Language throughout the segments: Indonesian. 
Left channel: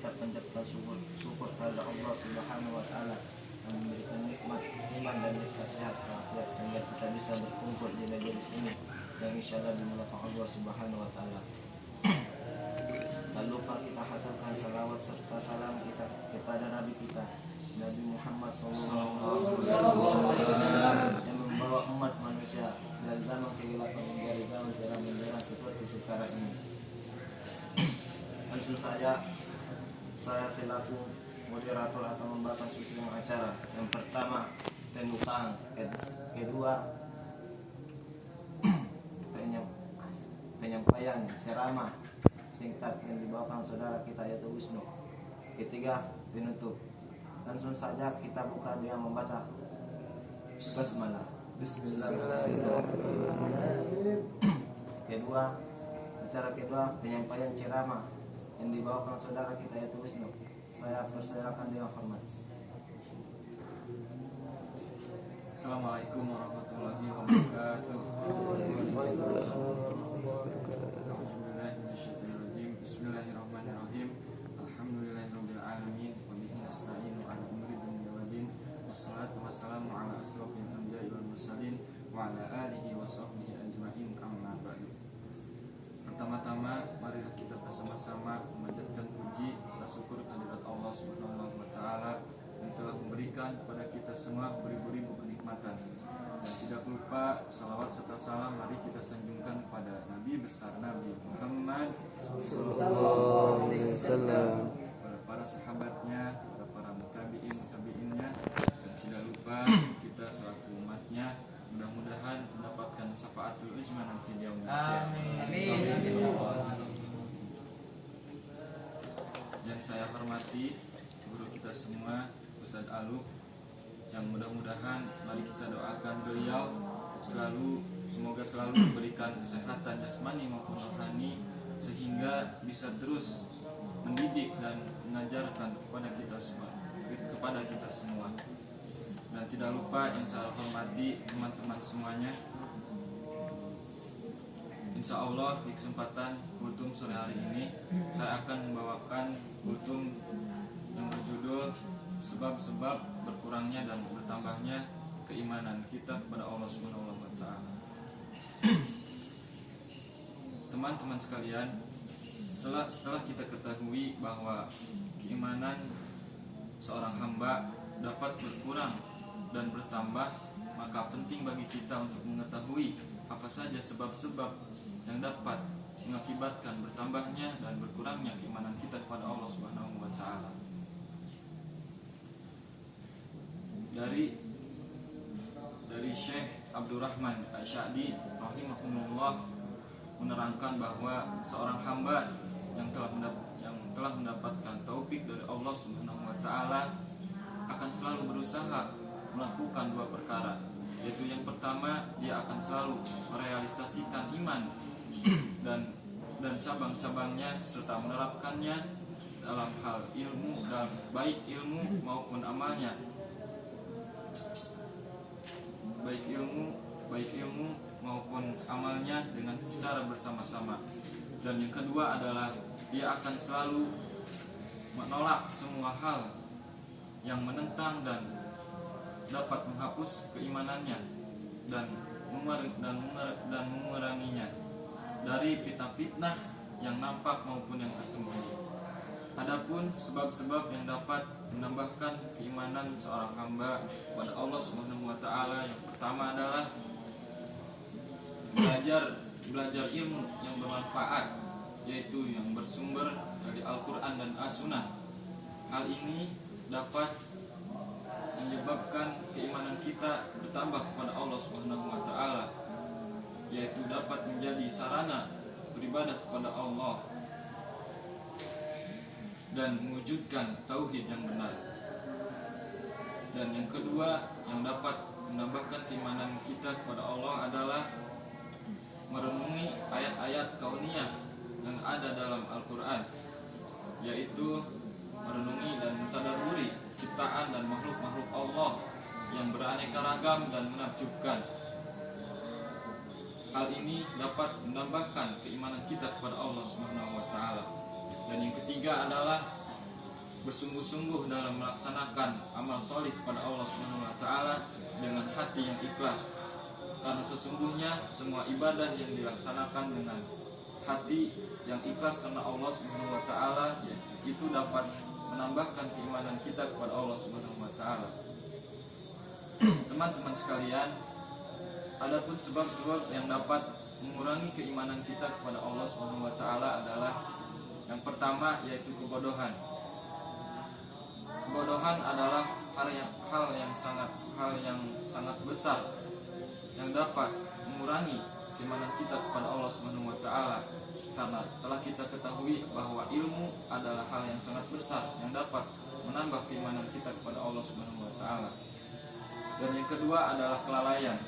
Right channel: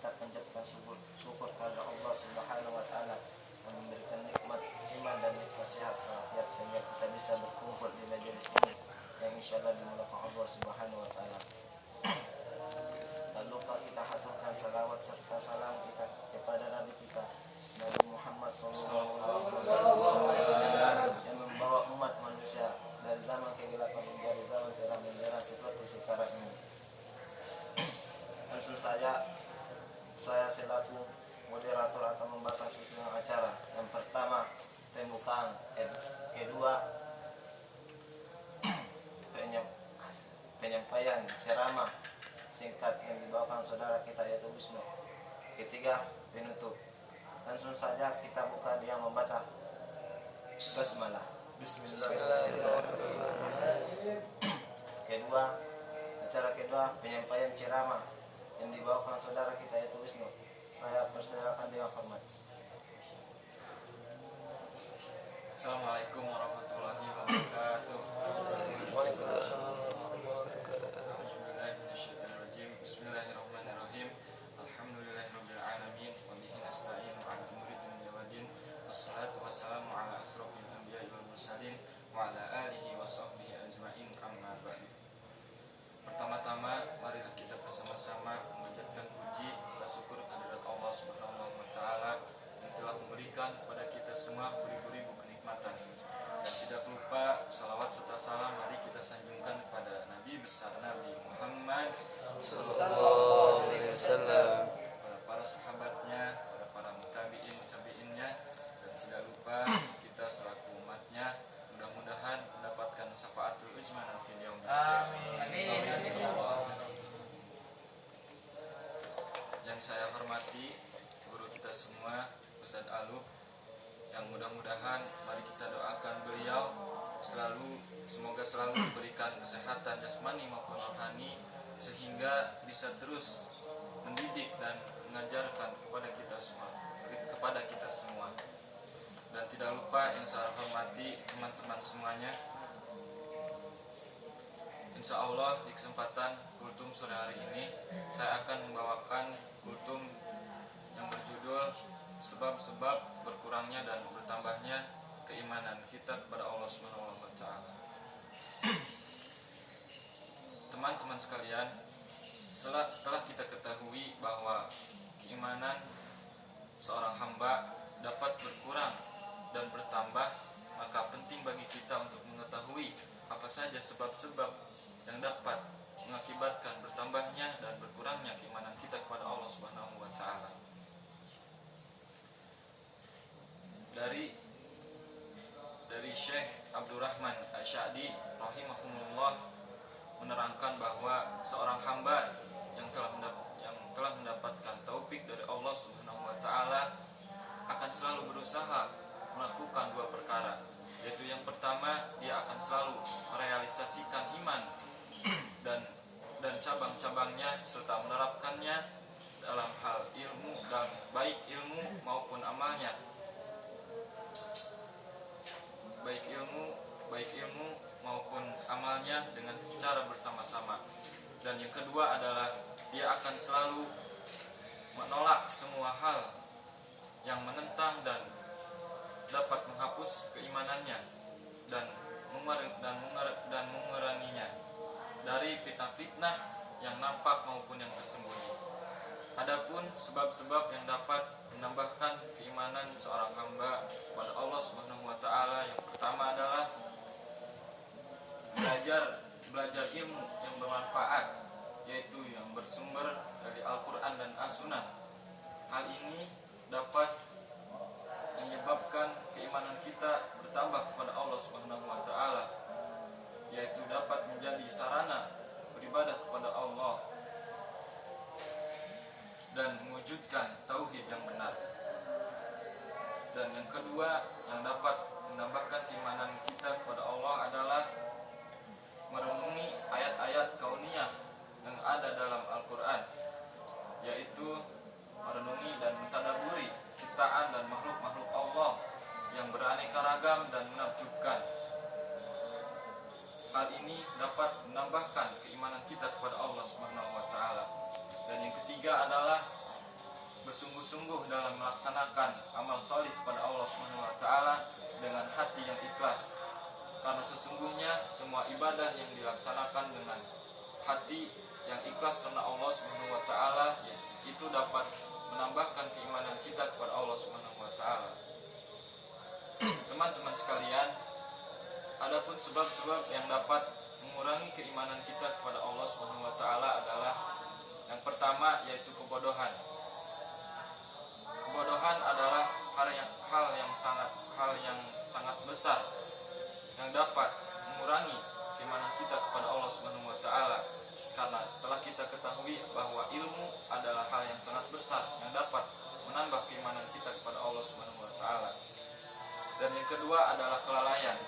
kita panjatkan syukur kepada Allah Subhanahu wa taala yang memberikan nikmat iman dan nikmat sehat walafiat sehingga kita bisa berkumpul di majelis ini yang insyaallah dimudahkan Allah Subhanahu wa taala. Tak lupa kita haturkan salawat serta salam kita kepada Nabi kita Nabi Muhammad SAW yang membawa umat manusia dari zaman kegelapan menjadi zaman terang benderang seperti sekarang ini. Langsung saja saya selaku moderator akan membawakan susunan acara. Yang pertama pembukaan, kedua penyampaian ceramah singkat yang dibawakan saudara kita yaitu Wisnu. Ketiga penutup. Langsung saja kita buka dia membaca basmalah. Bismillahirrahmanirrahim. Acara kedua penyampaian ceramah yang dibawakan saudara kita yaitu Wisnu. Saya persilakan dengan hormat. Assalamualaikum warahmatullahi wabarakatuh. Bismillahirrahmanirrahim. Alhamdulillahirabbil alamin wa bihi nasta'inu 'ala umuri dunya waddin. Wassalatu wassalamu 'ala asrofil anbiya'i wal mursalin wa 'ala alihi wa sahbihi ajma'in, amma ba'du. Pertama-tama marilah kita bersama-sama memanjatkan puji serta syukur kehadirat Allah Subhanahu wa taala yang telah memberikan kepada kita semua beribu-ribu kenikmatan. Dan tidak lupa salawat serta salam mari kita sanjungkan kepada Nabi besar Nabi Muhammad sallallahu alaihi wasallam, para sahabatnya, para tabi'innya, dan tidak lupa kita selaku umatnya mudah-mudahan mendapatkan syafaatul uzma nanti di yaumil qiyamah. Amin. Yang saya hormati guru kita semua Ustaz Aluf, yang mudah-mudahan mari kita doakan beliau semoga selalu diberikan kesehatan jasmani maupun rohani sehingga bisa terus mendidik dan mengajarkan kepada kita semua. Dan tidak lupa yang saya hormati teman-teman semuanya, insya Allah di kesempatan kultum sore hari ini saya akan membawakan kultum yang berjudul sebab-sebab berkurangnya dan bertambahnya keimanan kita kepada Allah Subhanahu wa taala. Teman-teman sekalian, setelah kita ketahui bahwa keimanan seorang hamba dapat berkurang dan bertambah, maka penting bagi kita untuk mengetahui apa saja sebab-sebab yang dapat mengakibatkan bertambahnya dan berkurangnya keimanan kita kepada Allah Subhanahu wa taala. Dari Syekh Abdurrahman Asy'adi rahimahumullah menerangkan bahwa seorang hamba yang telah mendapatkan taufik dari Allah Subhanahu wa taala akan selalu berusaha melakukan dua perkara, yaitu yang pertama dia akan selalu merealisasikan iman dan cabang-cabangnya serta menerapkannya dalam hal ilmu, dan baik ilmu maupun amalnya, baik ilmu maupun amalnya dengan secara bersama-sama. Dan yang kedua adalah dia akan selalu menolak semua hal yang menentang dan dapat menghapus keimanannya dan menguranginya dari fitnah-fitnah yang nampak maupun yang tersembunyi. Adapun sebab-sebab yang dapat menambahkan keimanan seorang hamba kepada Allah Subhanahu wa taala, yang pertama adalah belajar ilmu yang bermanfaat, yaitu yang bersumber dari Al-Qur'an dan As-Sunnah. Hal ini dapat menyebabkan keimanan kita bertambah kepada Allah Subhanahu wa taala, yaitu dapat menjadi sarana beribadah kepada Allah dan mewujudkan tauhid yang benar. Dan yang kedua yang dapat menambahkan keimanan kita kepada Allah adalah merenungi ayat-ayat kauniyah yang ada dalam Al-Quran, yaitu merenungi dan mentadaburi ciptaan dan makhluk-makhluk Allah yang beraneka ragam dan menakjubkan. Hal ini dapat menambahkan keimanan kita kepada Allah Subhanahu wa taala. Dan yang ketiga adalah bersungguh-sungguh dalam melaksanakan amal solih kepada Allah Subhanahu wa taala dengan hati yang ikhlas. Karena sesungguhnya semua ibadah yang dilaksanakan dengan hati yang ikhlas karena Allah Subhanahu wa taala itu dapat menambahkan keimanan kita kepada Allah Subhanahu wa taala. Teman-teman sekalian, adapun sebab-sebab yang dapat mengurangi keimanan kita kepada Allah Subhanahu wa taala adalah yang pertama yaitu kebodohan. Kebodohan adalah hal yang sangat besar yang dapat mengurangi keimanan kita kepada Allah Subhanahu wa taala, karena telah kita ketahui bahwa ilmu adalah hal yang sangat besar yang dapat menambah keimanan kita kepada Allah Subhanahu wa taala. Dan yang kedua adalah kelalaian.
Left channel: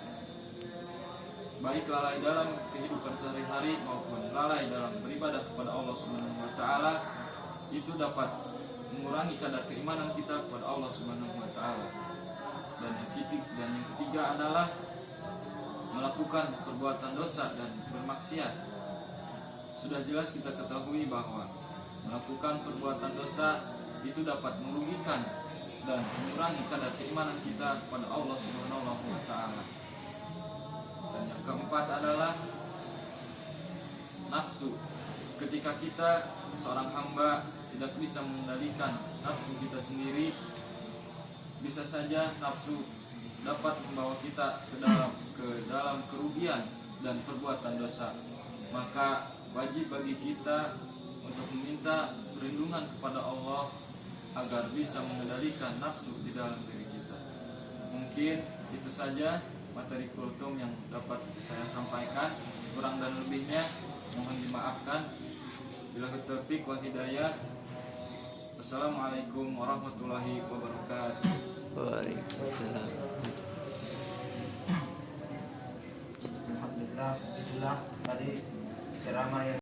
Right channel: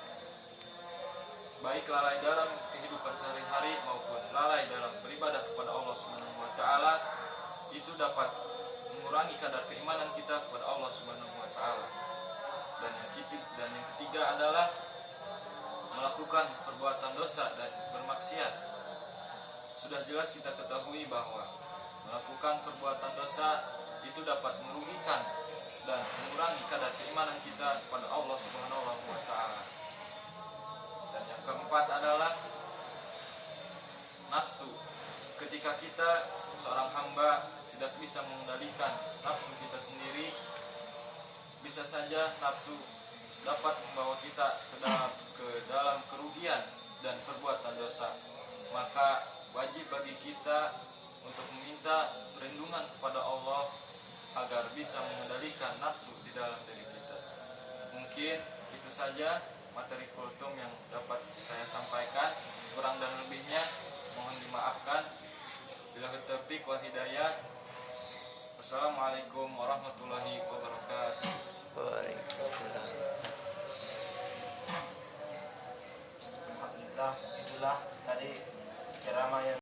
Baik lalai dalam kehidupan sehari-hari maupun lalai dalam beribadah kepada Allah Subhanahu wa taala itu dapat mengurangi kadar keimanan kita kepada Allah Subhanahu wa taala. Dan yang ketiga adalah melakukan perbuatan dosa dan bermaksiat. Sudah jelas kita ketahui bahwa melakukan perbuatan dosa itu dapat merugikan dan mengurangi kadar keimanan kita kepada Allah Subhanahu wa taala. Dan yang keempat adalah nafsu. Ketika kita seorang hamba tidak bisa mengendalikan nafsu kita sendiri, bisa saja nafsu dapat membawa kita ke dalam kerugian dan perbuatan dosa. Maka wajib bagi kita untuk meminta perlindungan kepada Allah agar bisa mengendalikan nafsu di dalam diri kita. Mungkin itu saja materi kultum yang dapat saya sampaikan. Kurang dan lebihnya mohon dimaafkan. Billahi taufiq wal hidayah. Wassalamualaikum warahmatullahi wabarakatuh. Waalaikumsalam. Alhamdulillah, itulah tadi ceramah yang